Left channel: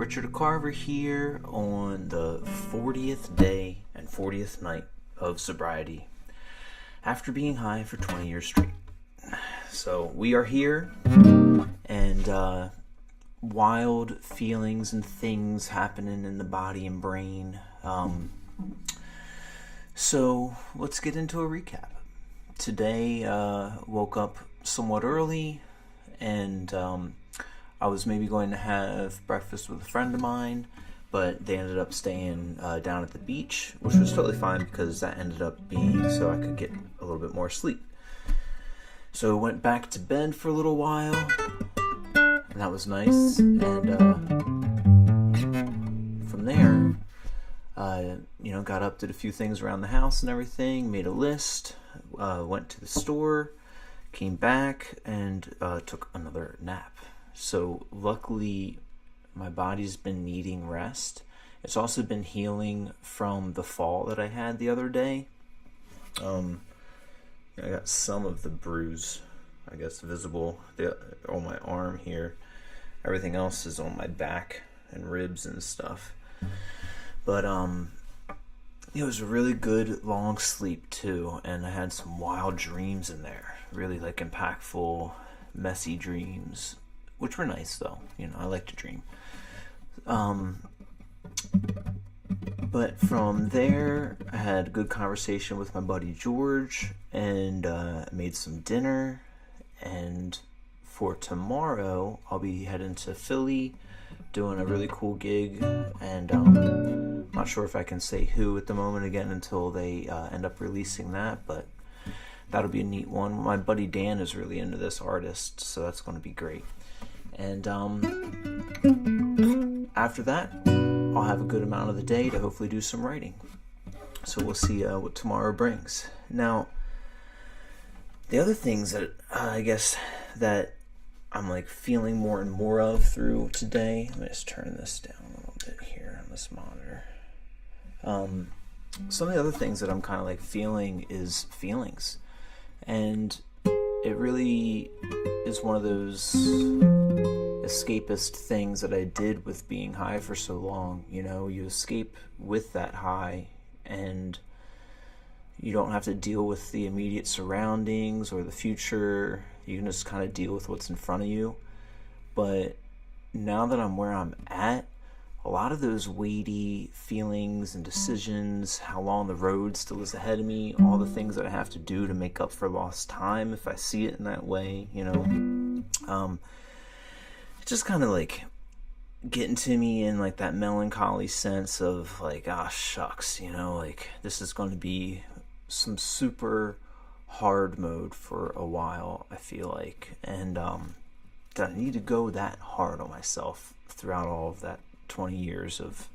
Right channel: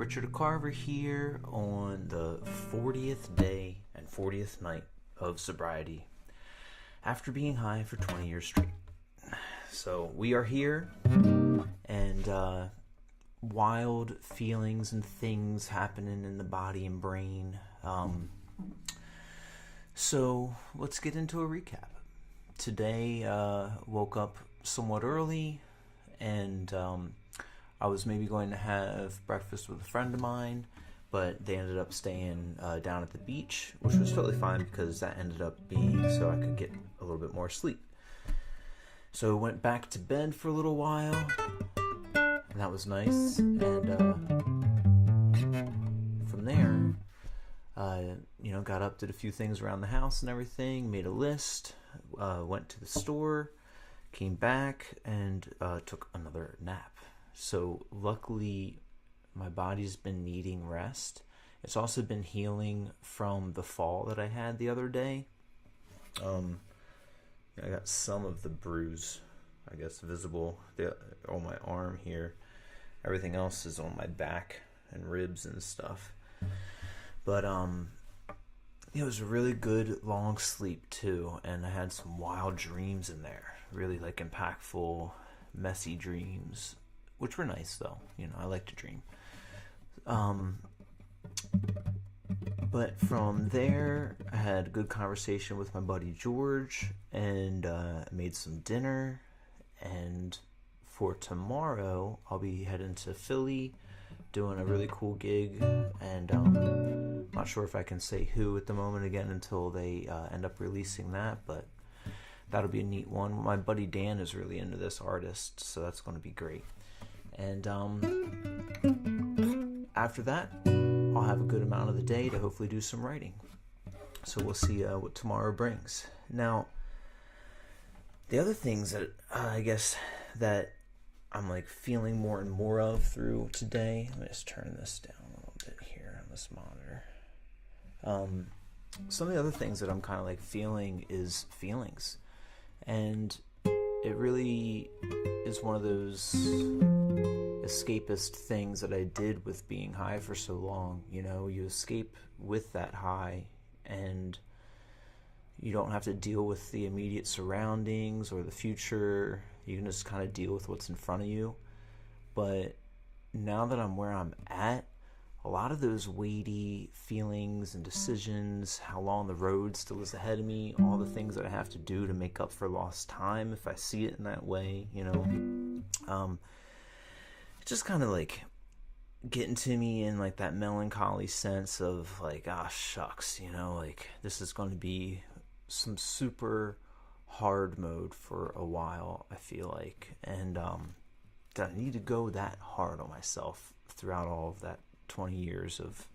Richard Carver here on the 40th day and 40th night of sobriety after being high for 20 years straight. So we are here, and wild feelings and things happening in the body and brain. So let's get into a recap. Today, woke up somewhat early, and I was maybe going to have breakfast with a friend of mine, but they ended up staying down at the beach, which was totally fine because that ended up being so I could get a little bit more sleep. So I went back to bed for a little while, and that was nice. And from there, got up, did a few things around the house and everything, made a list, went to the store, came back, and took another nap. So luckily, my body's been needing rest. It's also been healing from the fall that I had the other day. I got some of the bruise, I guess, visible on my arm here. Everything else is on my back and ribs and stuff. But it was a really good long sleep too, and I had some wild dreams in there. Really like impactful, messy dreams, which were nice though. I like to dream. But from there, I had a good conversation with my buddy George, and made some dinner. And for tomorrow, I'll be heading to Philly, doing a really cool gig, and I'm not sure if I can say who at the moment again until they end up releasing that, but that'll be a neat one. My buddy Dan is really into this artist, so that's going to be great. And after that, I'll have a good amount of the day to hopefully do some writing. So we'll see what tomorrow brings. Now, the other things that I guess that I'm like feeling more and more of through today. Let me just turn this down a little bit here on this monitor. Some of the other things that I'm kind of like feeling is feelings. And it really is one of those escapist things that I did with being high for so long. You escape with that high, and you don't have to deal with the immediate surroundings or the future. You can just kind of deal with what's in front of you. But now that I'm where I'm at, a lot of those weighty feelings and decisions, how long the road still is ahead of me, all the things that I have to do to make up for lost time, if I see it in that way, it's just kind of like getting to me in like that melancholy sense of like, shucks, like this is going to be some super hard mode for a while, I feel like, and that I need to go that hard on myself throughout all of that 20 years of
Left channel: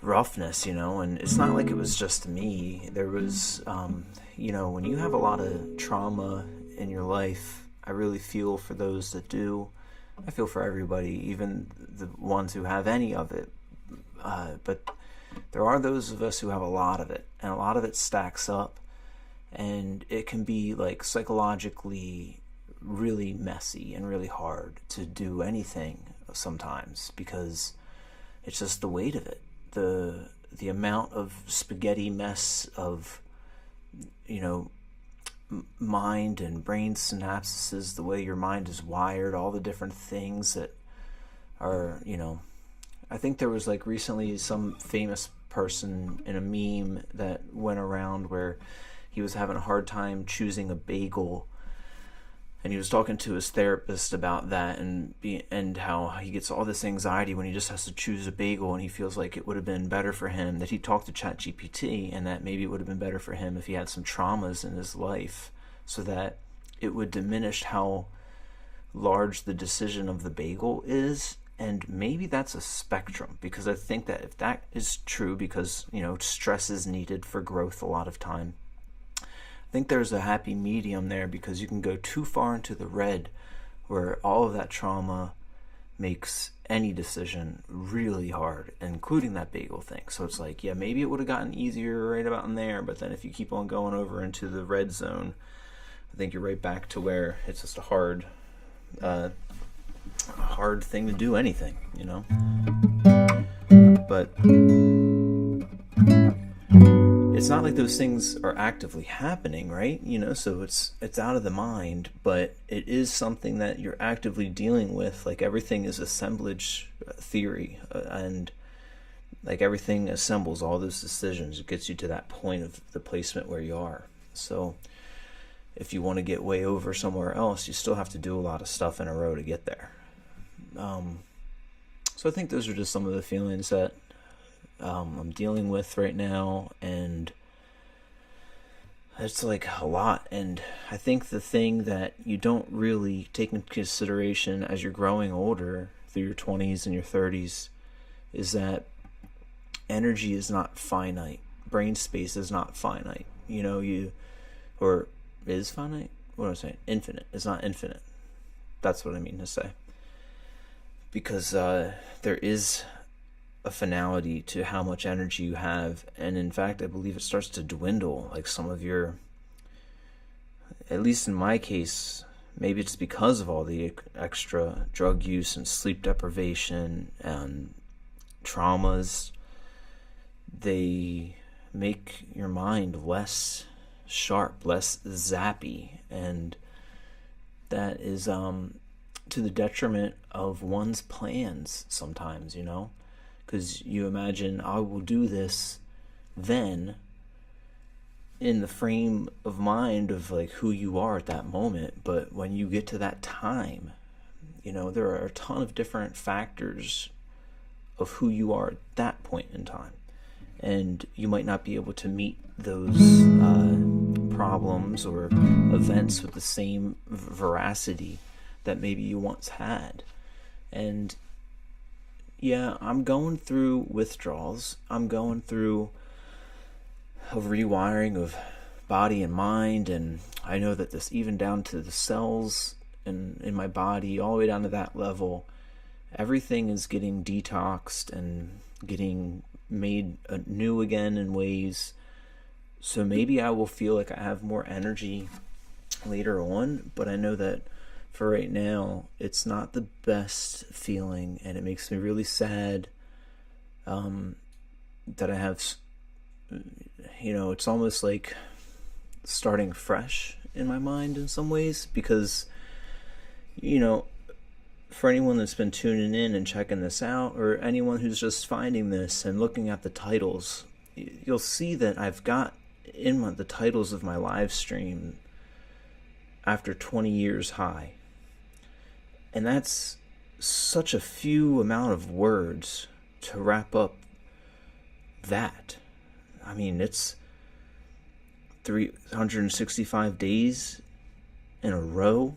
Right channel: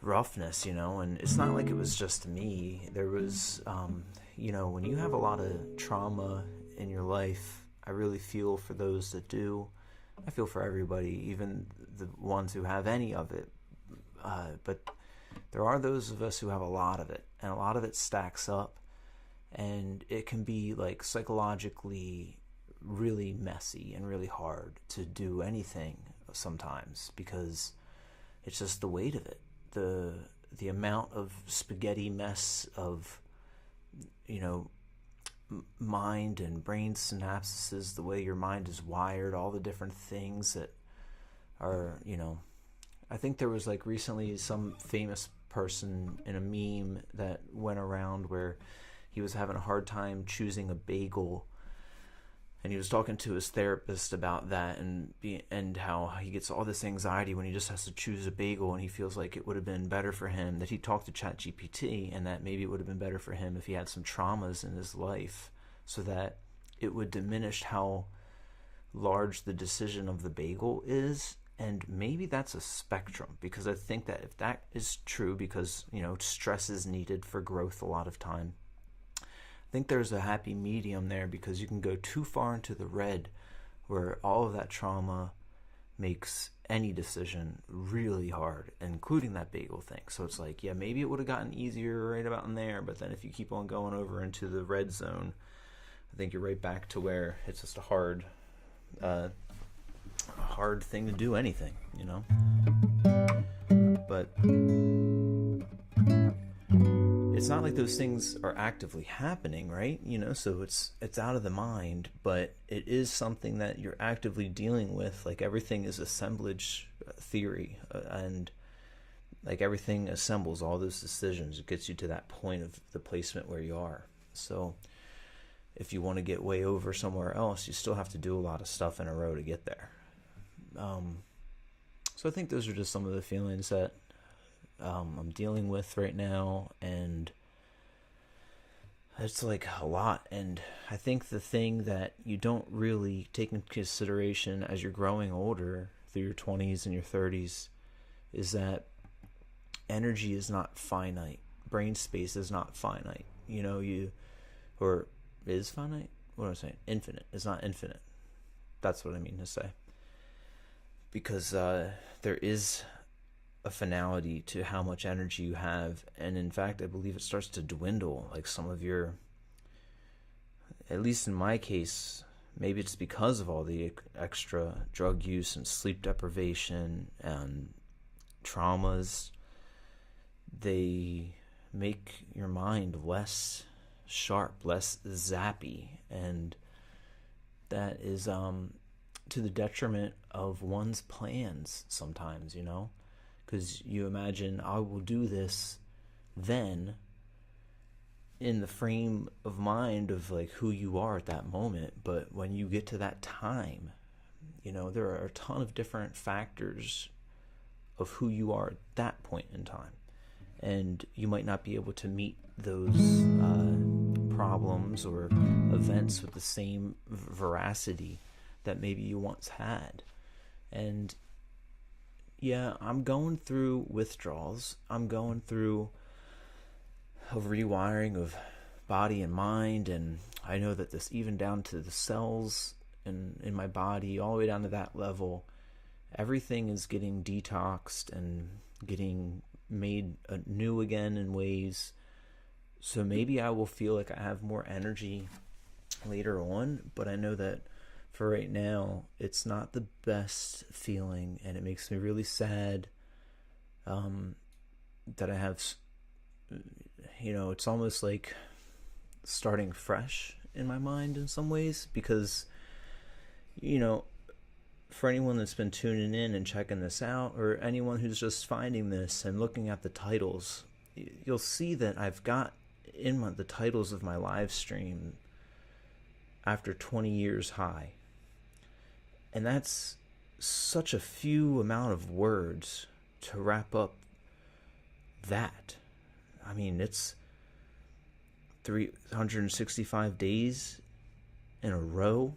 roughness, and it's not like it was just me. There was, when you have a lot of trauma in your life, I really feel for those that do. I feel for everybody, even the ones who have any of it, but there are those of us who have a lot of it, and a lot of it stacks up, and it can be like psychologically really messy and really hard to do anything sometimes, because it's just the weight of it, the amount of spaghetti mess of mind and brain synapses, the way your mind is wired, all the different things that are, I think there was like recently some famous person in a meme that went around where he was having a hard time choosing a bagel, and he was talking to his therapist about that, and how he gets all this anxiety when he just has to choose a bagel, and he feels like it would have been better for him that he talked to ChatGPT, and that maybe it would have been better for him if he had some traumas in his life, so that it would diminish how large the decision of the bagel is. And maybe that's a spectrum, because I think that if that is true, because stress is needed for growth a lot of time, I think there's a happy medium there, because you can go too far into the red where all of that trauma makes any decision really hard, including that bagel thing. So it's like, yeah, maybe it would have gotten easier right about in there, but then if you keep on going over into the red zone, I think you're right back to where it's just a hard hard thing to do anything, But it's not like those things are actively happening, right? So it's out of the mind, but it is something that you're actively dealing with. Like everything is assemblage theory, and like everything assembles all those decisions. It gets you to that point of the placement where you are. So if you want to get way over somewhere else, you still have to do a lot of stuff in a row to get there. So I think those are just some of the feelings that I'm dealing with right now, and it's like a lot. And I think the thing that you don't really take into consideration as you're growing older through your 20s and your 30s is that energy is not finite. Brain space is not finite. Or is finite? What am I saying? Infinite. It's not infinite. That's what I mean to say. Because there is a finality to how much energy you have, and in fact I believe it starts to dwindle. Like some of your, at least in my case, maybe it's because of all the extra drug use and sleep deprivation and traumas, they make your mind less sharp, less zappy, and that is to the detriment of one's plans sometimes, because you imagine, I will do this then, in the frame of mind of like who you are at that moment. But when you get to that time, there are a ton of different factors of who you are at that point in time, and you might not be able to meet those problems or events with the same veracity that maybe you once had. And yeah, I'm going through withdrawals. I'm going through a rewiring of body and mind, and I know that this, even down to the cells in my body, all the way down to that level, everything is getting detoxed and getting made new again in ways. So maybe I will feel like I have more energy later on, but I know that for right now, it's not the best feeling, and it makes me really sad that I have, it's almost like starting fresh in my mind in some ways, because, for anyone that's been tuning in and checking this out, or anyone who's just finding this and looking at the titles, you'll see that I've got in the titles of my live stream, after 20 years high. And that's such a few amount of words to wrap up that. I mean, it's 365 days in a row,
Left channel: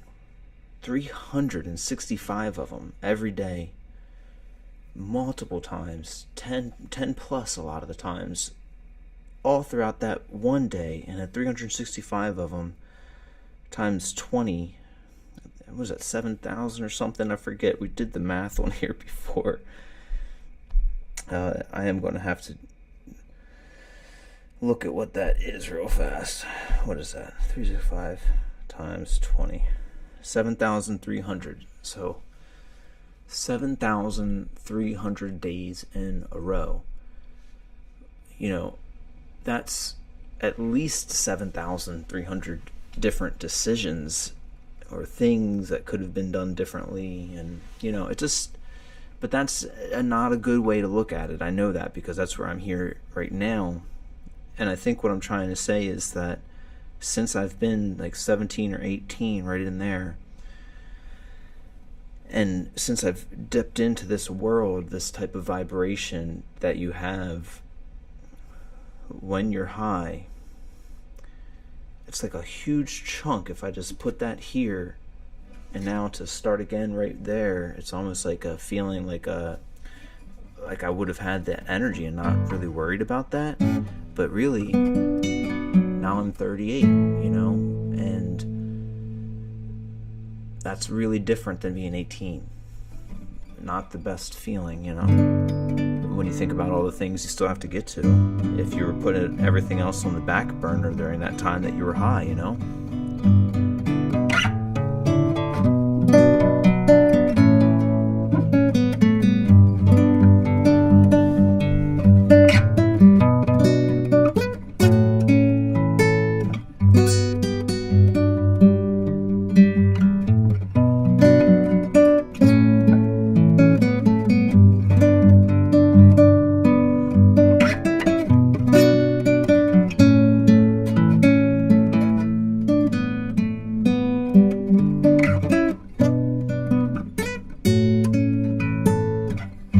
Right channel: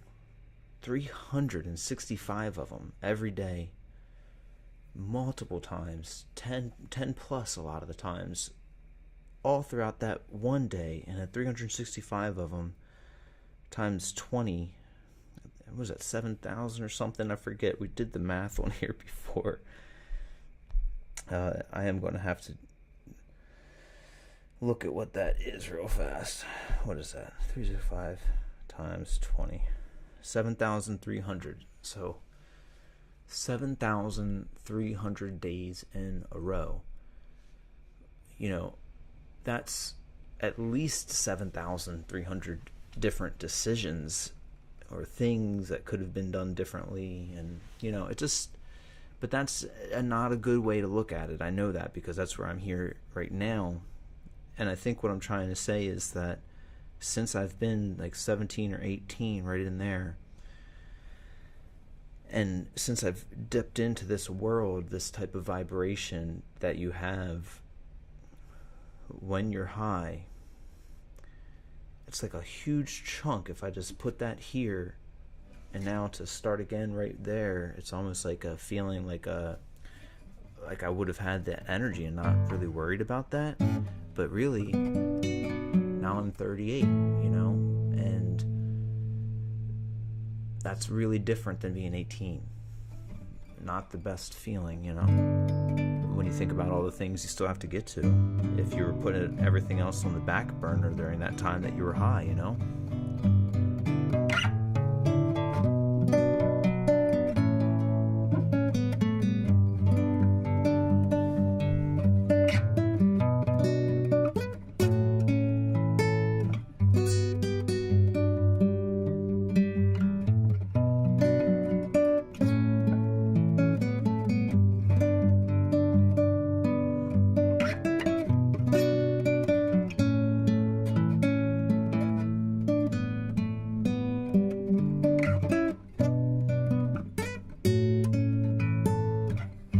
365 of them every day, multiple times, 10 plus a lot of the times, all throughout that one day. And at 365 of them times 20, was that 7,000 or something? I forget. We did the math on here before. I am going to have to look at what that is real fast. What is that? 365 times 20. 7,300. So 7,300 days in a row. That's at least 7,300 different decisions or things that could have been done differently. And but that's not a good way to look at it. I know that, because that's where I'm here right now. And I think what I'm trying to say is that since I've been like 17 or 18, right in there, and since I've dipped into this world, this type of vibration that you have when you're high, it's like a huge chunk. If I just put that here, and now to start again right there, it's almost like a feeling like I would have had that energy and not really worried about that. But really, now I'm 38, and that's really different than being 18. Not the best feeling, when you think about all the things you still have to get to if you were putting everything else on the back burner during that time that you were high.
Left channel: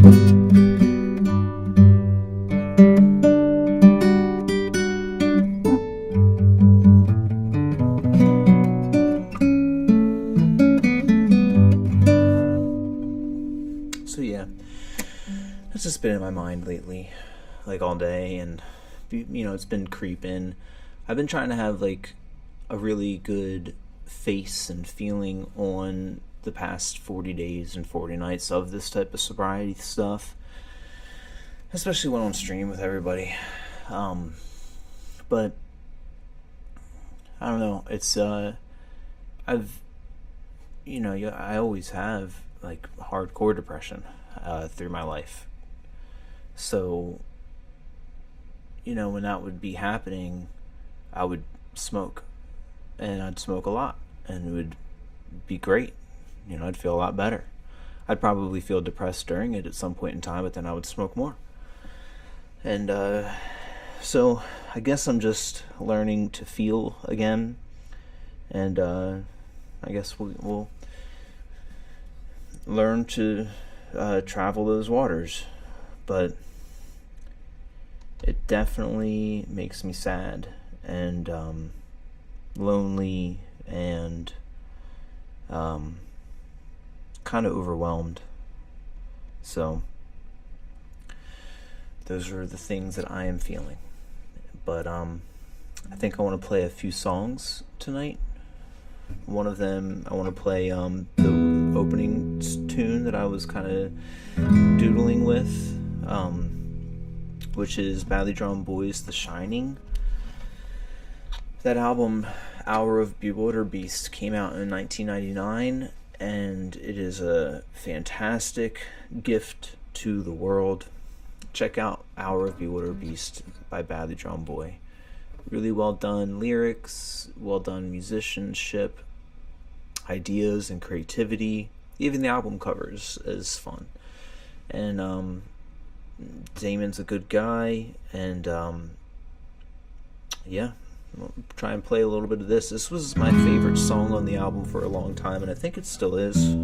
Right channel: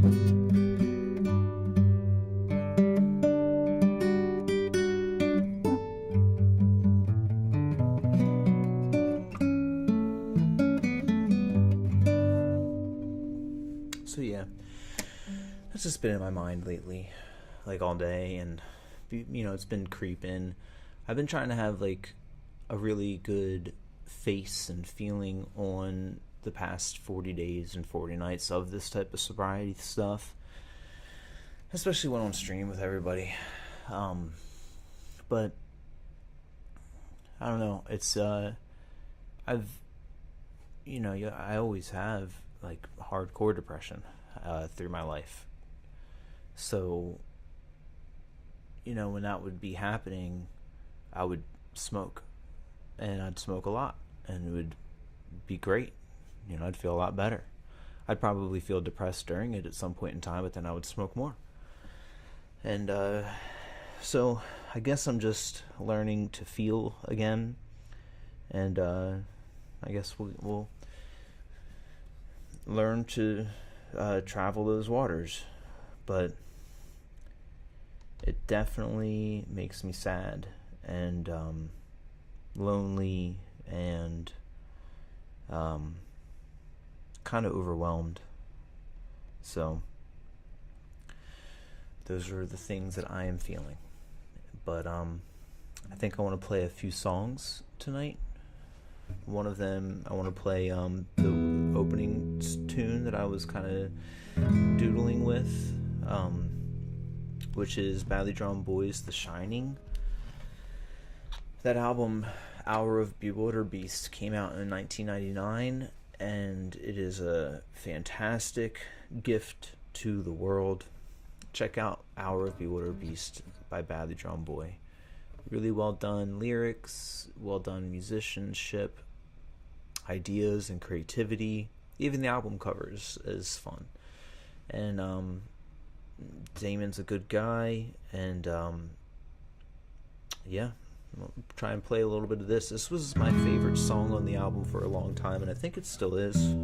So yeah, that's just been in my mind lately, like all day, and it's been creeping. I've been trying to have like a really good face and feeling on the past 40 days and 40 nights of this type of sobriety stuff, especially when on stream with everybody. But I don't know, it's I always have like hardcore depression through my life. So, when that would be happening, I would smoke, and I'd smoke a lot, and it would be great. I'd feel a lot better. I'd probably feel depressed during it at some point in time, but then I would smoke more. And so I guess I'm just learning to feel again, and I guess we'll learn to travel those waters. But it definitely makes me sad and lonely and kind of overwhelmed. So those are the things that I am feeling. But I think I want to play a few songs tonight. One of them, I want to play the opening tune that I was kind of doodling with, which is Valli Boys' The Shining. That album, Hour of Bewilder Beast, came out in 1999, and it is a fantastic gift to the world. Check out Hour of Bewilder Beast by Valli Boy. Really well done lyrics, well done musicianship, ideas and creativity. Even the album covers is fun. And Damon's a good guy, and yeah, I'll try and play a little bit of this. This was my favorite song on the album for a long time, and I think it still is.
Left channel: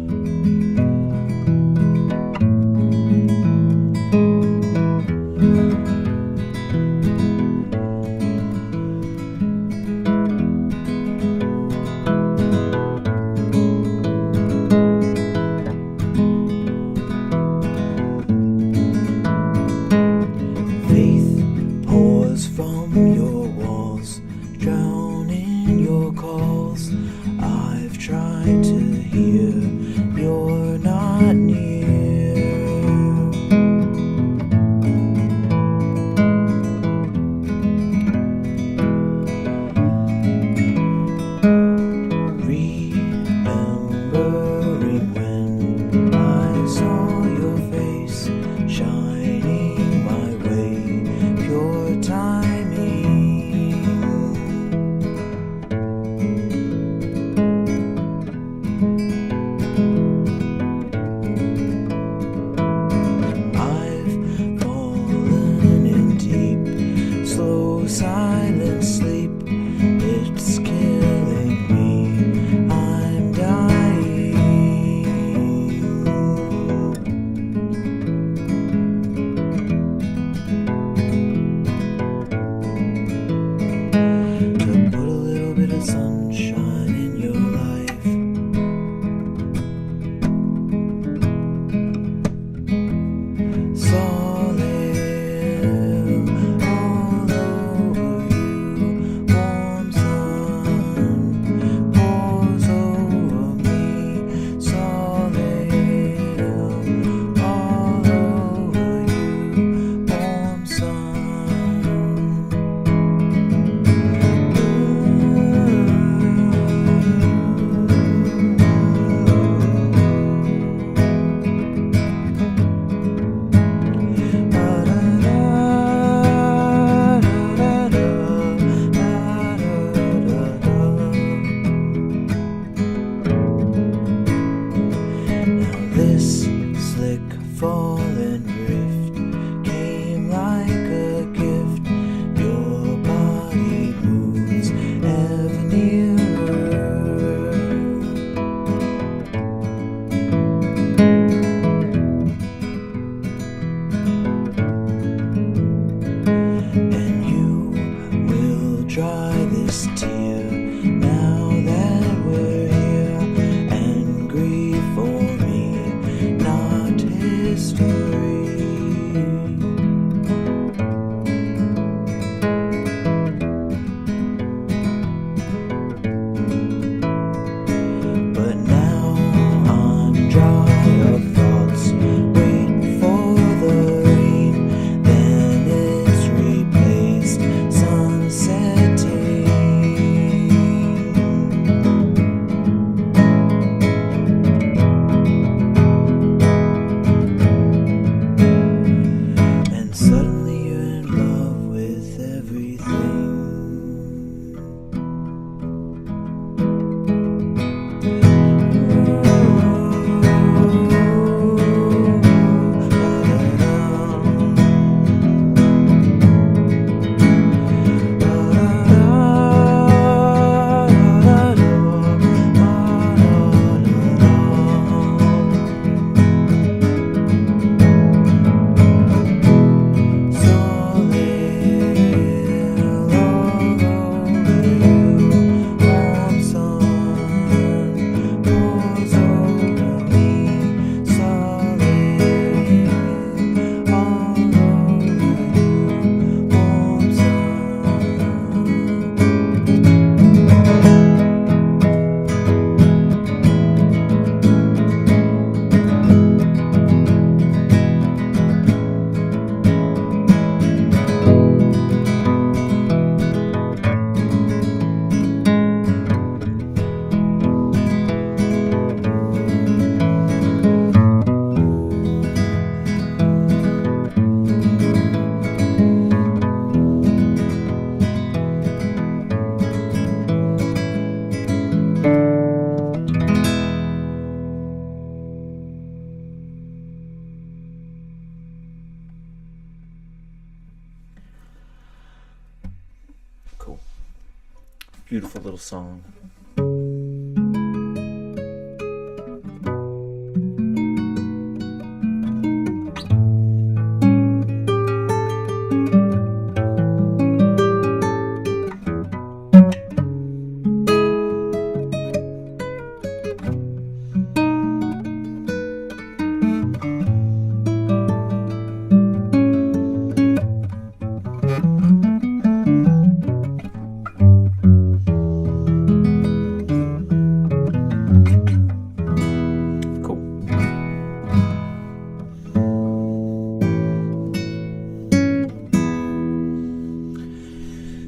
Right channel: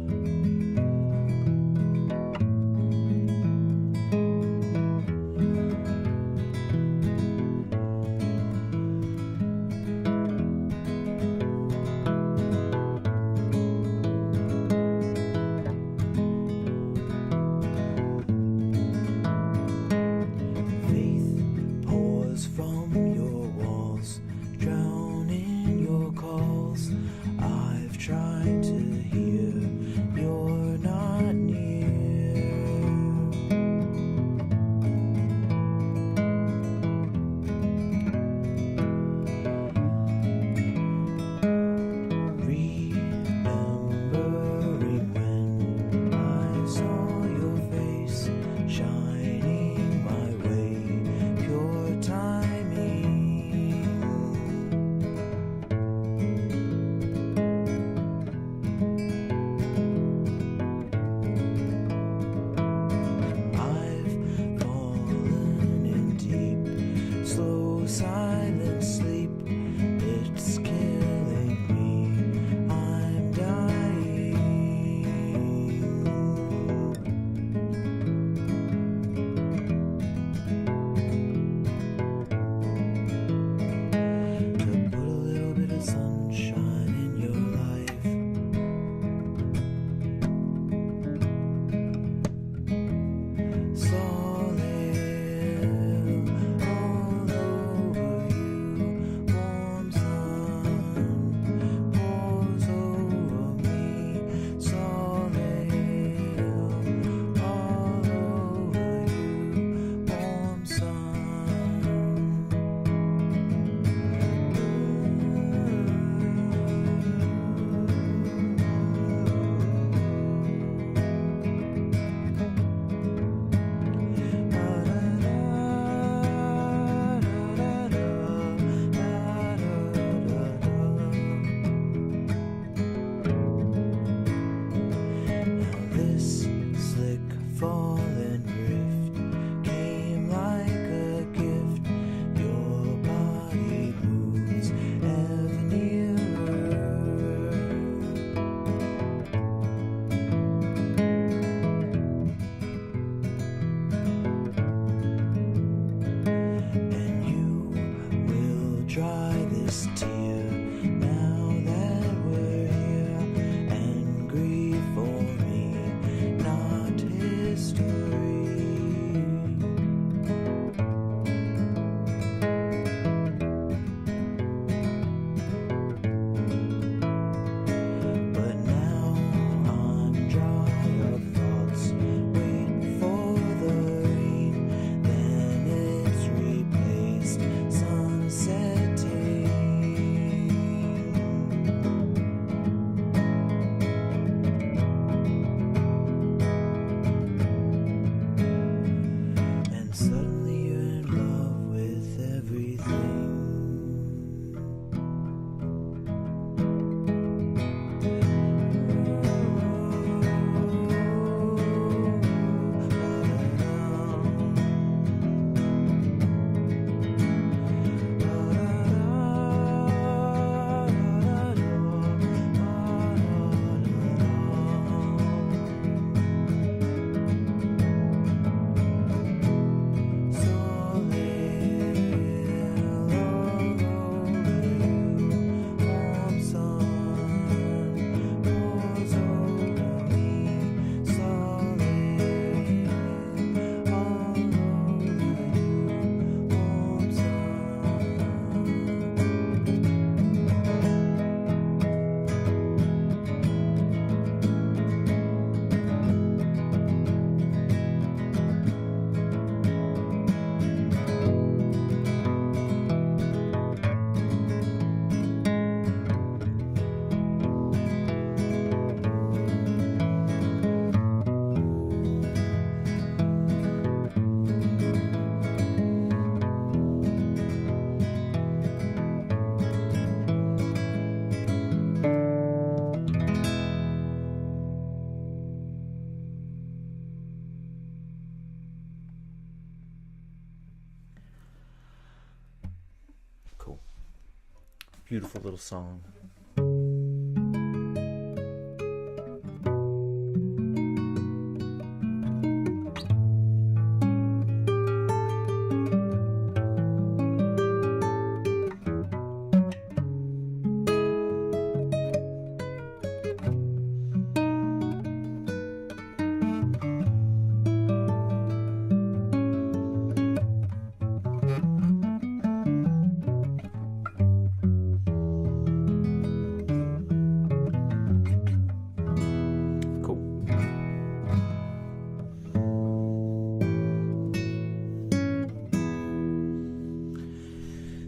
Beautiful little song.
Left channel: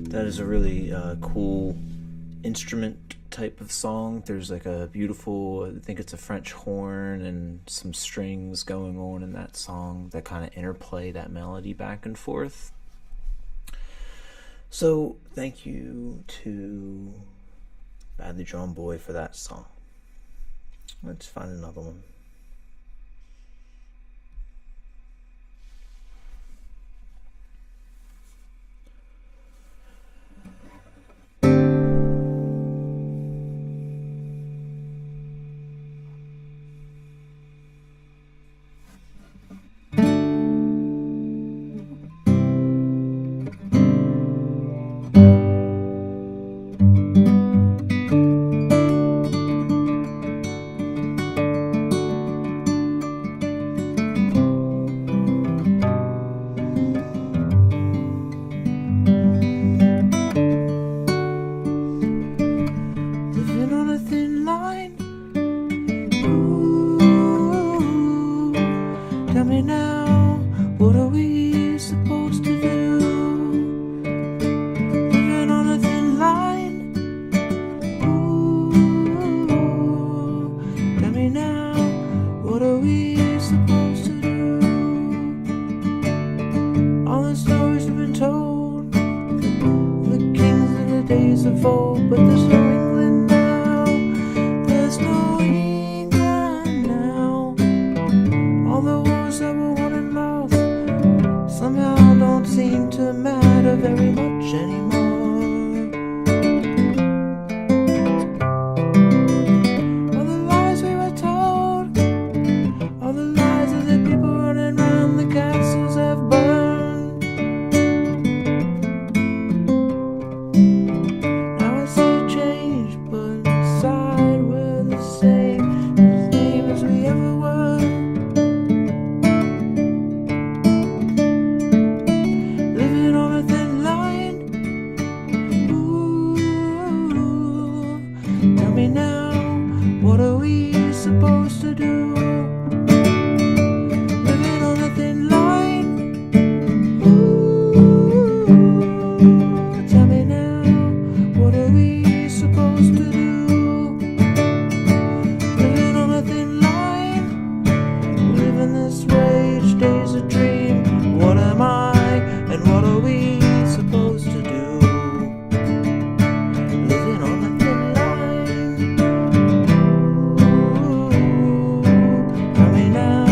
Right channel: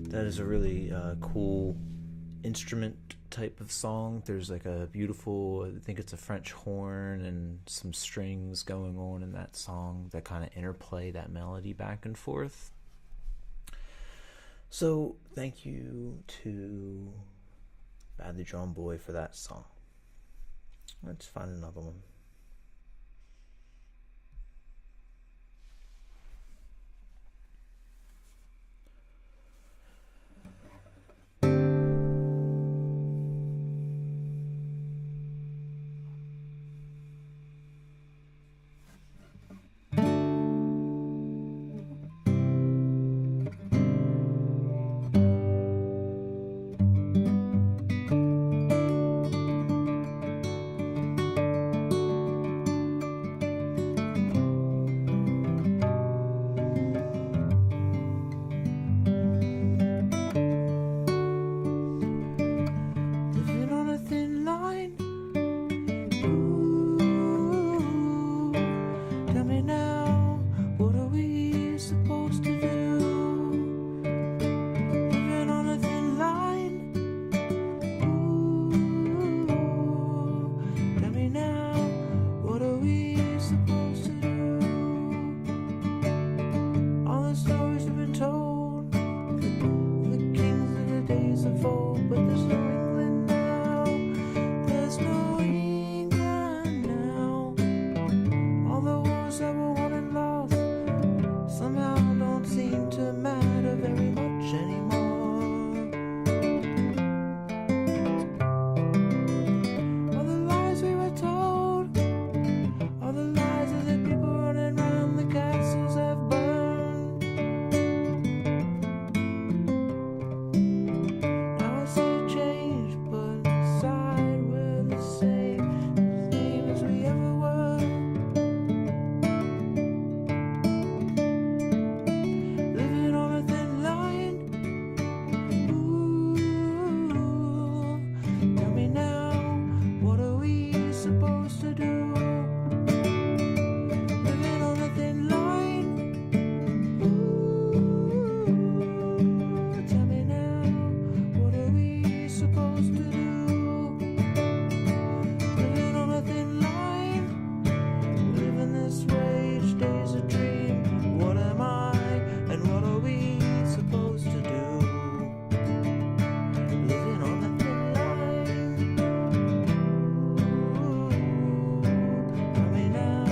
That is a really cool instrument type of song. There's like a beautiful, I think it's a French horn and some strings going on in that song that kind of interplay that melody back and forth. So thank you to Badly Drawn Boy for that song. Let's find another one. Tell me now, what are we supposed to do? Living on a thin line. Ooh, tell me now, what are we supposed to do? All the stories have been told, the kings in the days of old, but there's no England now. There's no England now. All the wars that were won and lost somehow don't seem to matter very much anymore. All the lies we were told, all the lies of the people running around the castles have burned. Now I see change, but inside we're the same as we ever were. Living on a thin line. Ooh, tell me now, what are we supposed to do? Living on a thin line. Ooh, tell me now, what are we supposed to do? Living on a thin line. Living this way, each day's a dream. What am I? And what are we supposed to do? Living on a thin line. Ooh, tell me now,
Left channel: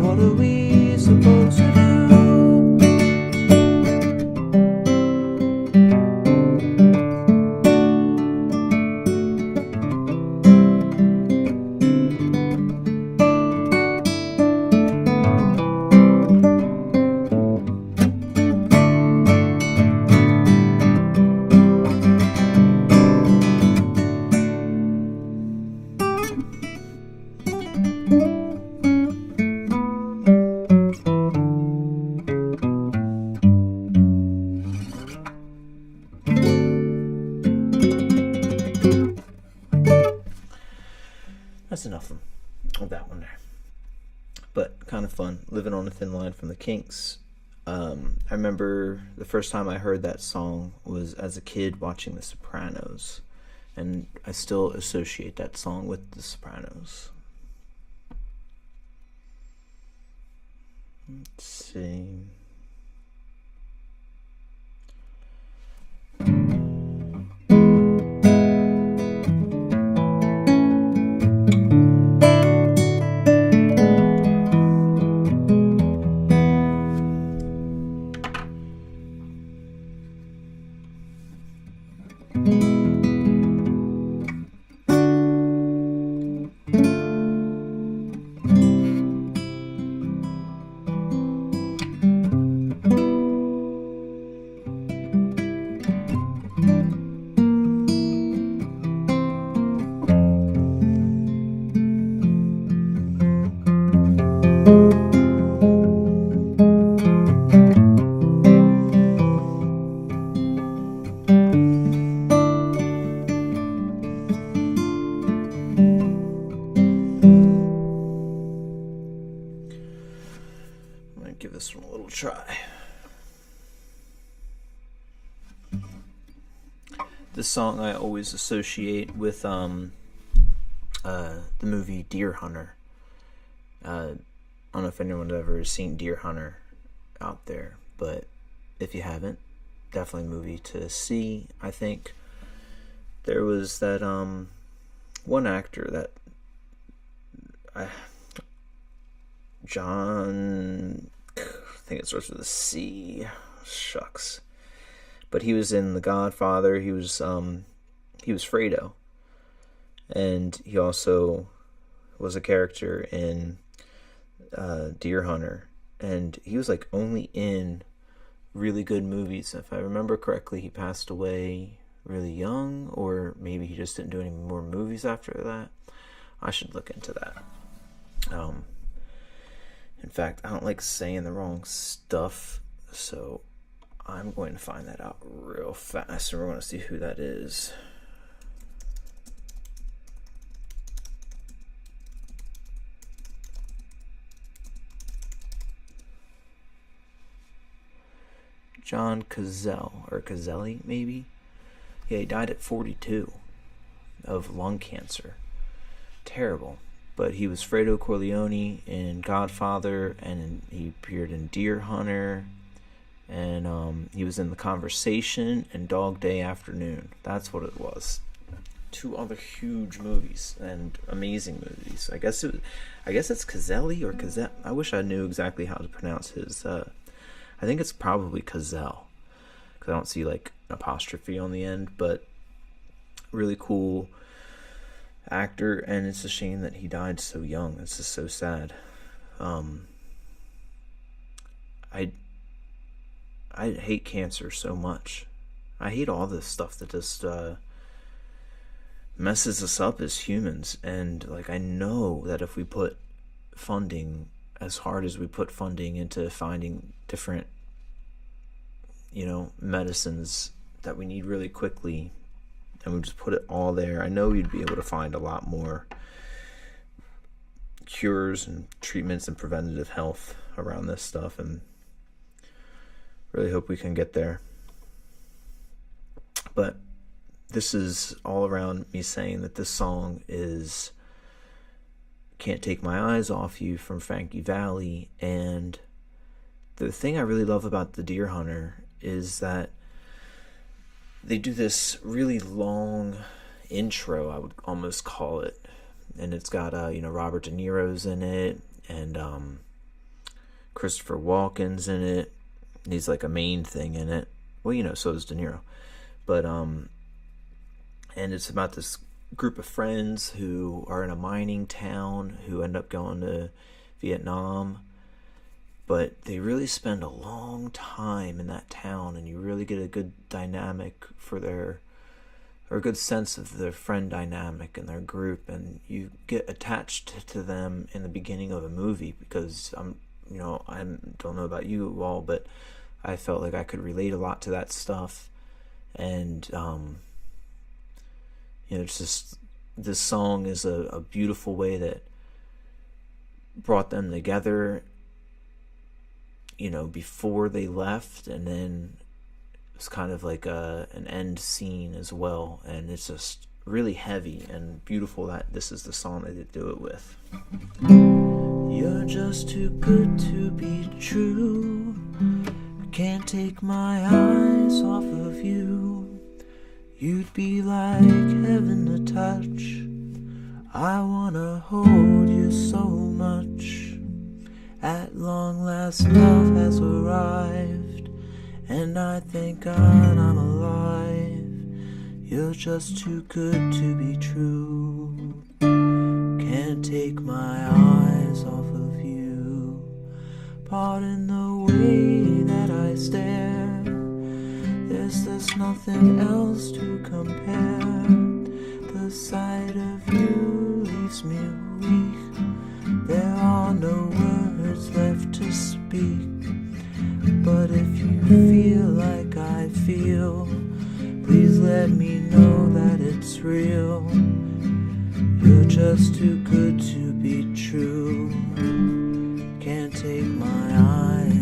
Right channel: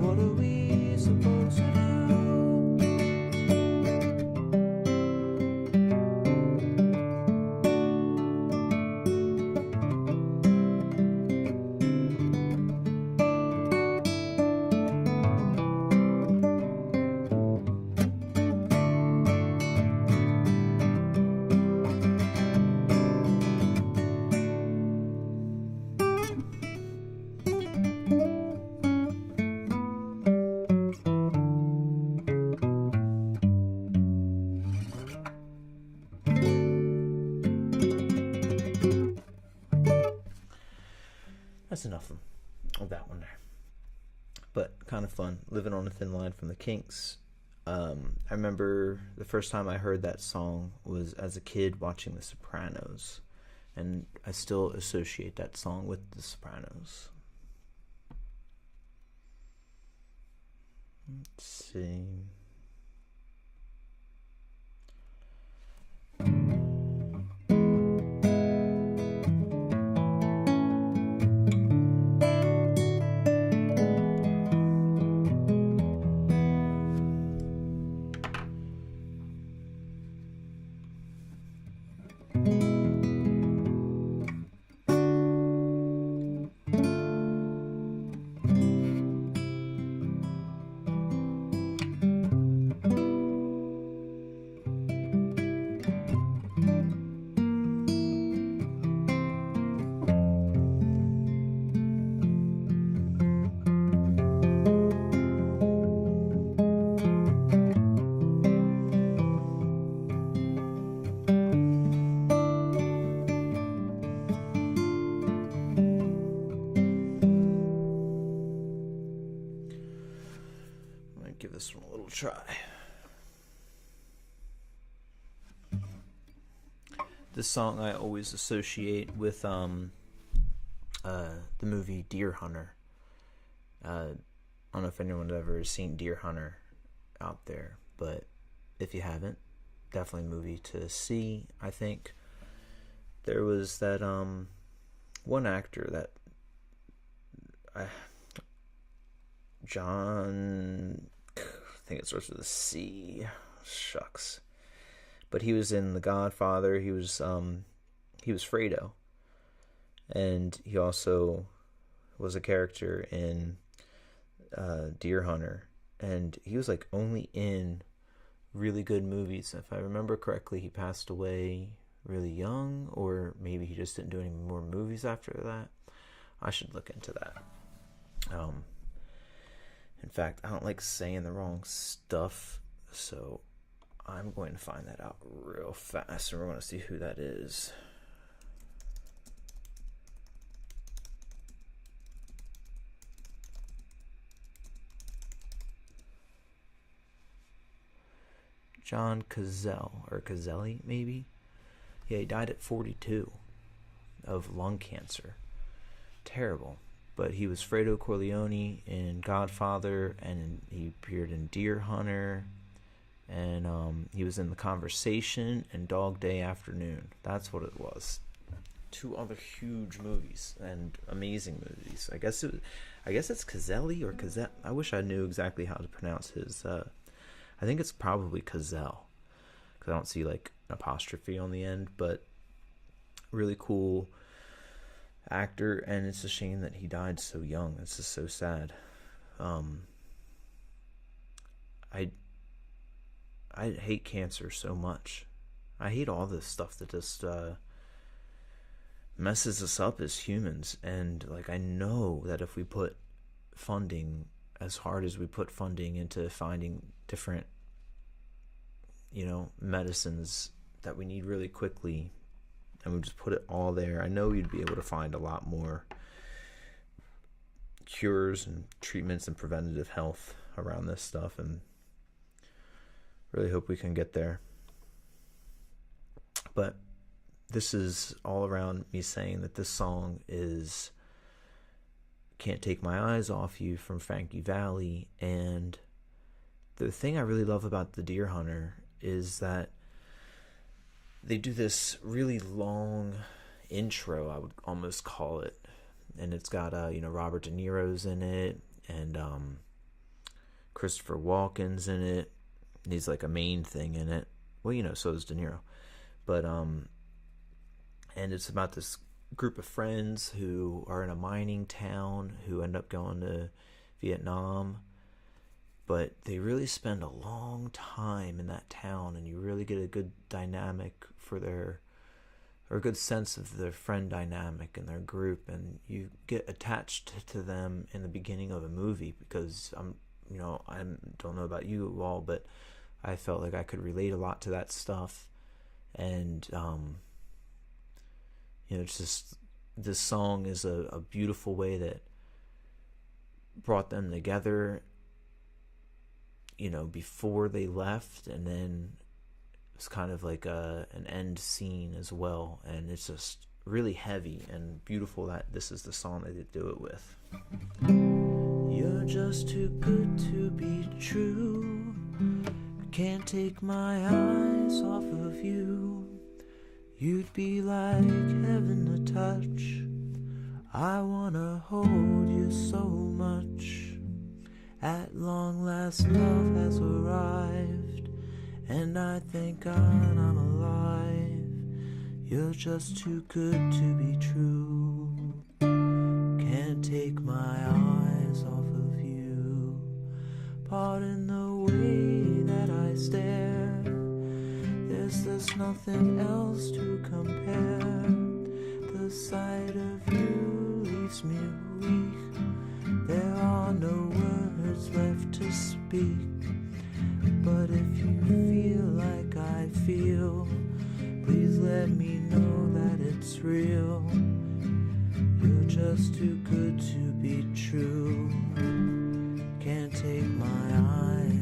what are we supposed to do? That's enough of that one there. But kind of fun. Living on a Thin Line from the Kinks. I remember the first time I heard that song was as a kid watching The Sopranos. And I still associate that song with The Sopranos. Let's see. give this one a little try. This song I always associate with the movie Deer Hunter. I don't know if anyone's ever seen Deer Hunter out there, but if you haven't, definitely a movie to see. I think there was that one actor that John, I think it starts with a C. Shucks. But he was in The Godfather. He was Fredo, and he also was a character in Deer Hunter, and he was like only in really good movies. If I remember correctly, he passed away really young, or maybe he just didn't do any more movies after that. I should look into that. In fact, I don't like saying the wrong stuff, so I'm going to find that out real fast, and we're going to see who that is. John Cazale, or Cazelli, maybe? Yeah, he died at 42 of lung cancer. Terrible. But he was Fredo Corleone in Godfather, and he appeared in Deer Hunter, and he was in The Conversation and Dog Day Afternoon. That's what it was. 2 other huge movies and amazing movies. I guess it's Cazelli or Cazelle. I wish I knew exactly how to pronounce his. I think it's probably Cazelle, because I don't see like an apostrophe on the end. But really cool actor, and it's a shame that he died so young. It's just so sad. I hate cancer so much. I hate all this stuff that just messes us up as humans. And like, I know that if we put funding, as hard as we put funding into finding different, medicines that we need really quickly, and we just put it all there, I know we'd be able to find a lot more cures and treatments and preventative health around this stuff, and really hope we can get there. But this is all around me saying that this song is Can't Take My Eyes Off You from Frankie Valli. And the thing I really love about the Deer Hunter is that they do this really long intro, I would almost call it, and it's got Robert De Niro's in it, and Christopher Walken's in it. He's like a main thing in it. Well, so does De Niro. But and it's about this group of friends who are in a mining town who end up going to Vietnam, but they really spend a long time in that town, and you really get a good dynamic or a good sense of their friend dynamic and their group, and you get attached to them in the beginning of a movie, because I don't know about you all, but I felt like I could relate a lot to that stuff. And it's just, this song is a beautiful way that brought them together, before they left, and then it's kind of like an end scene as well, and it's just really heavy and beautiful that this is the song that they do it with. You're just too good to be true. Can't take my eyes off of you. You'd be like heaven to touch. I wanna hold you so much. At long last love has arrived, and I thank God I'm alive. You're just too good to be true. Can't take my eyes off of you. Pardon the way that I stare. There's nothing else to compare. The sight of you leaves me weak. There are no words left to speak. But if you feel like I feel, please let me know that it's real. You're just too good to be true. Can't take my eyes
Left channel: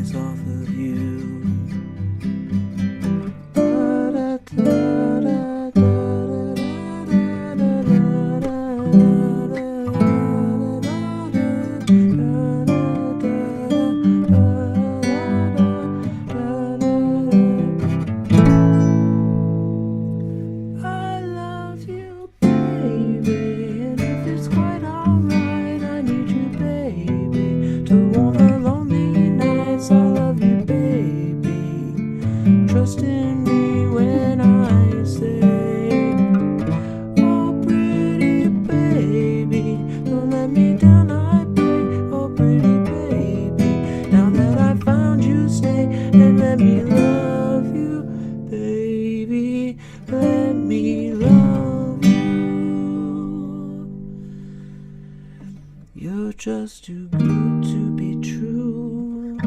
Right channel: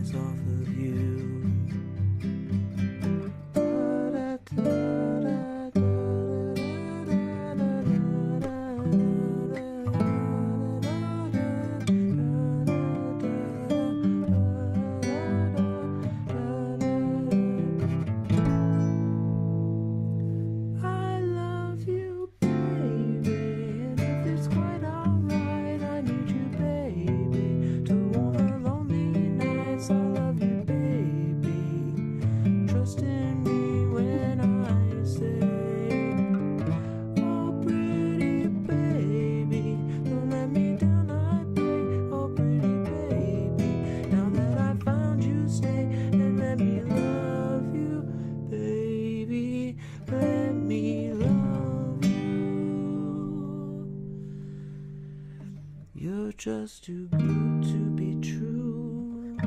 too good to be true.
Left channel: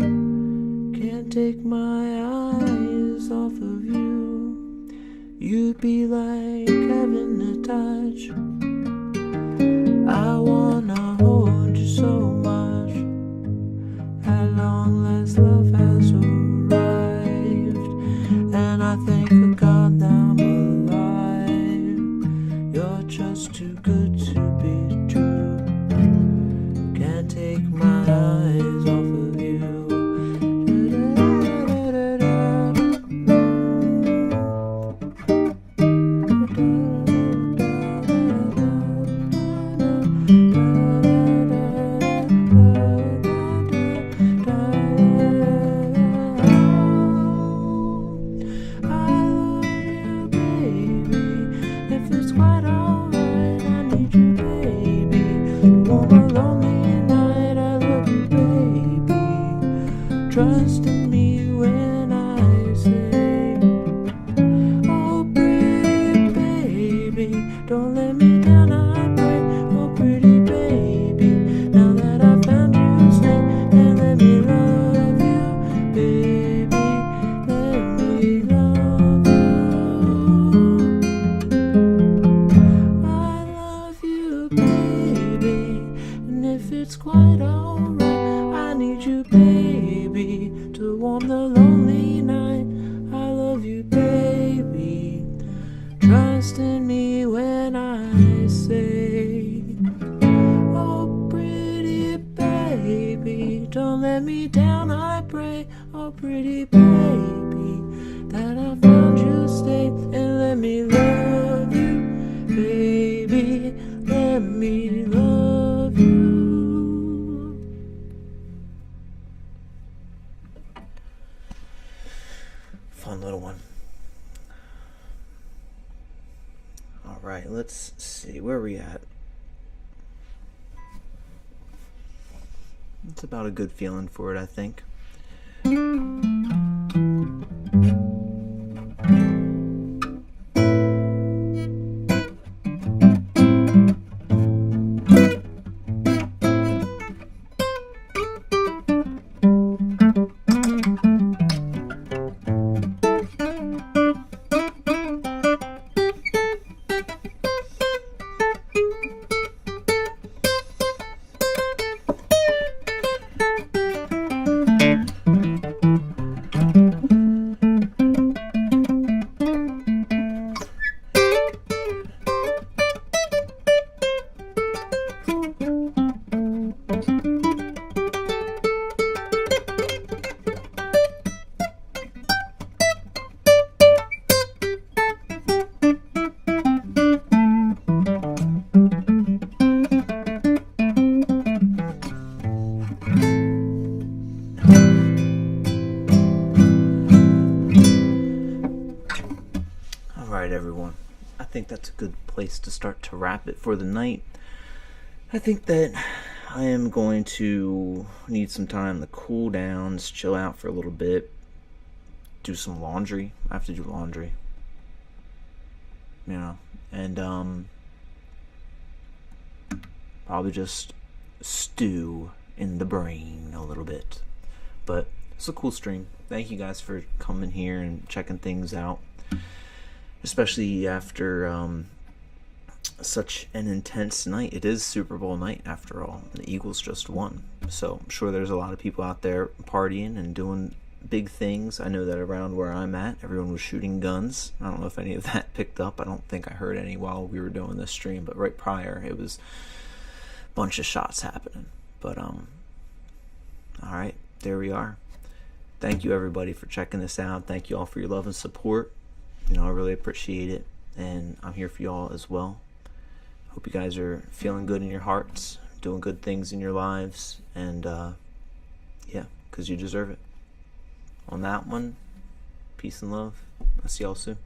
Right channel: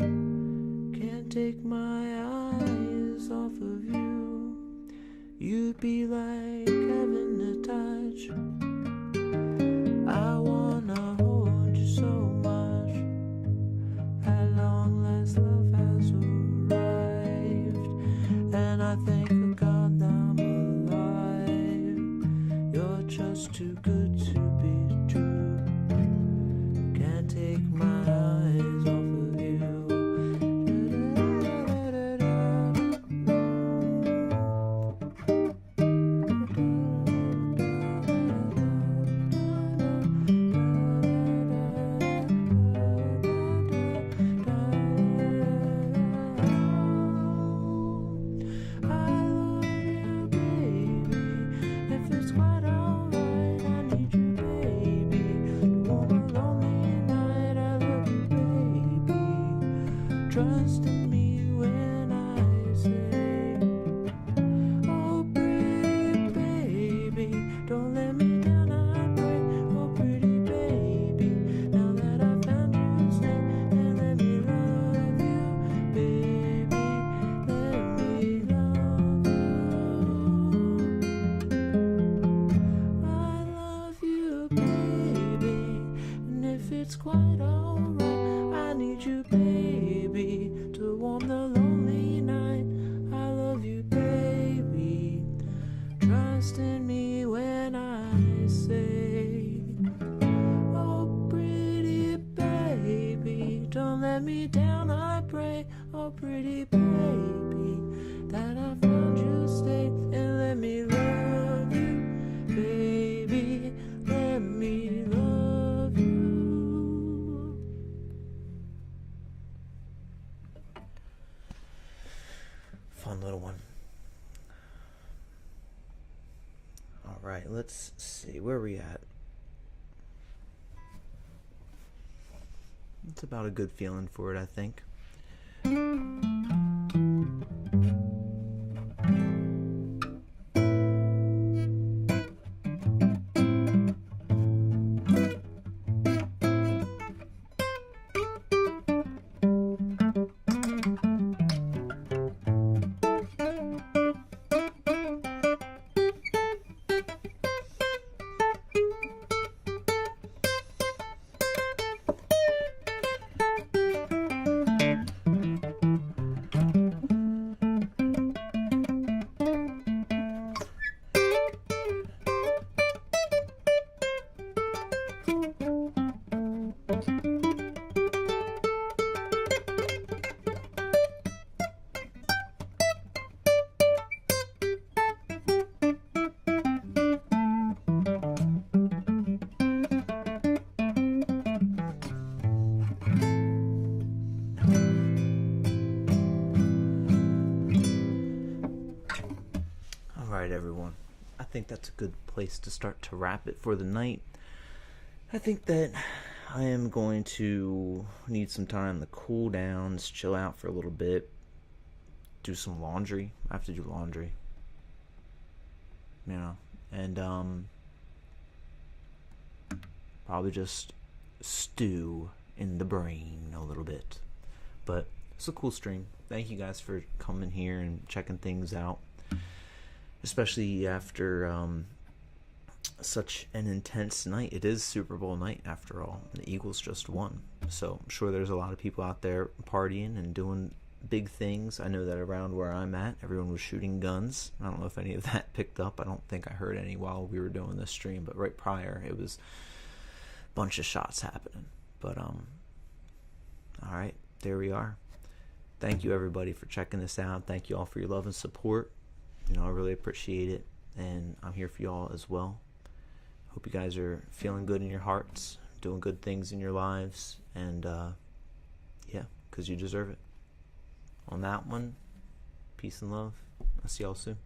Can't take my eyes off of you. You'd be like heaven to touch. I wanna hold you so much. At long last love has arrived, and I thank the God that I'm alive. You're just too good to be true. Can't take my eyes off of you. Trust in me when I say, oh pretty baby, don't let me down, I pray. Oh pretty baby, now that I found you, stay and let me love you, baby, let me love you. I love you, baby, and if it's quite alright, I need you, baby, to warm the lonely night. I love you, baby. Trust in me when I say, oh pretty baby, don't let me down, I pray. Oh pretty baby, that I found you, stay and let me love you, baby, let me love you. Fun little one. All right, let's see, where are we at? It's about a good feeling for it, I think. Everyone, I think that's a good place to start to wrap it for the night. I think that I am going to need some time to cool down, just chill out for a little bit, do some laundry. I have to do laundry, and probably just stew in the brain a little bit. But it's a cool stream. Thank you guys for coming here and checking things out, especially after such an intense night. It is Super Bowl night after all. The Eagles just won, so I'm sure there's a lot of people out there partying and doing big things. I know that around where I'm at, everyone was shooting guns. I don't know if any of that picked up. I don't think I heard any while we were doing this stream, but right prior it was a bunch of shots happening. But alright, there we are. Thank you everybody for checking this out. Thank you all for your love and support. I really appreciate it, and I'm here for y'all as well. Hope you guys are feeling good in your hearts, doing good things in your lives, and yeah, because you deserve it. On that one, peace and love. I'll see y'all soon.